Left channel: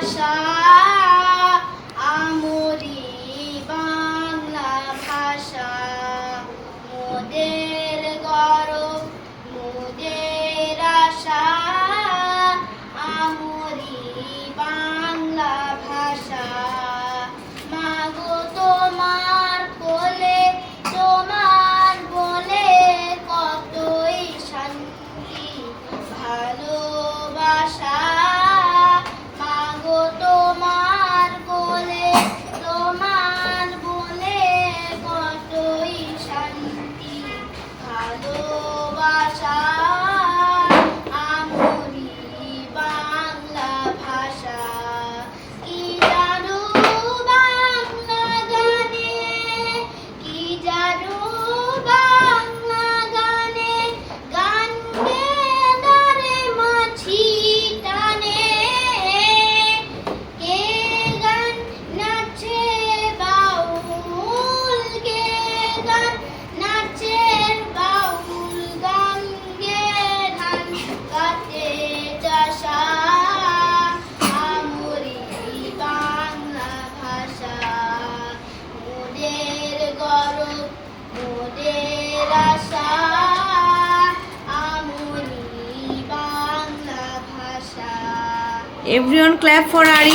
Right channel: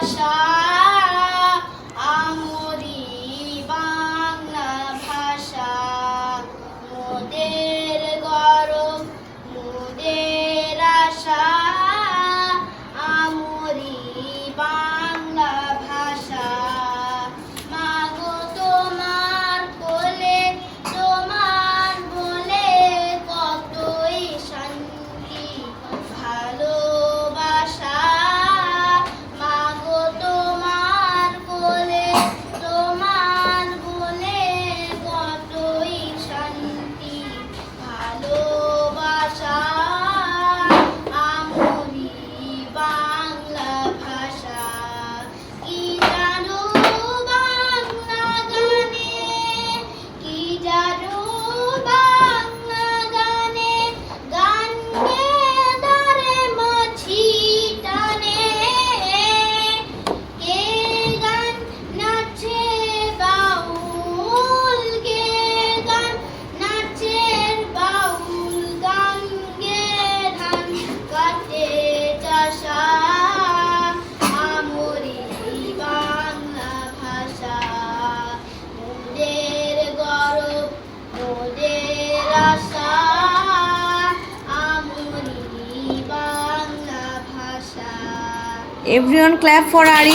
ভাষা আমরি বাংলা ভাষা। মোদের গরম মোদের আশা আমরি এভরিওয়ান ক্ল্যাপ ফর আরি